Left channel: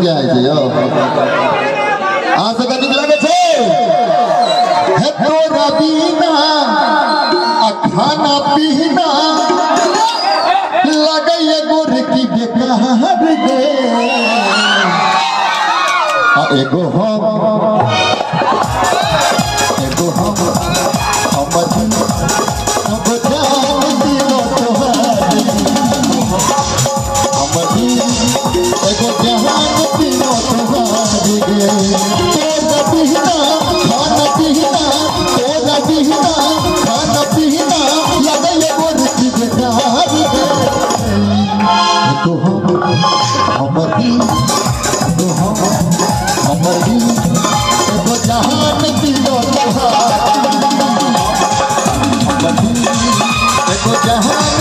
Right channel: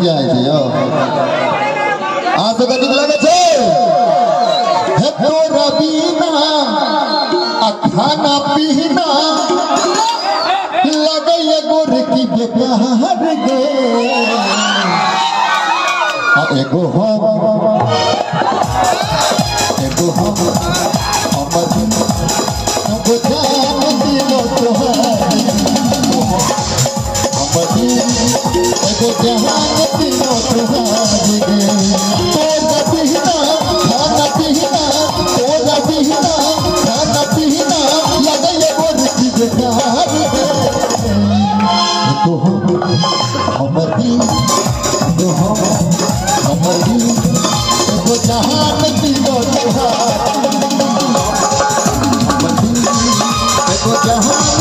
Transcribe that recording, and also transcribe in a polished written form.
गीतिया है यो आ से कनिक लागे छे हे तोरा बिना खाना पीना लगे गोर की बेकार गे एगो हम अब जान दिलो तोहारी एगो जहान दिलो तोहारी गे तोरा बिना खाना पीना तोरा बिना खाना पीना लगे गोर की बेकार गे तो हमरी एगो जहान दिलो तोहारी एगो जहान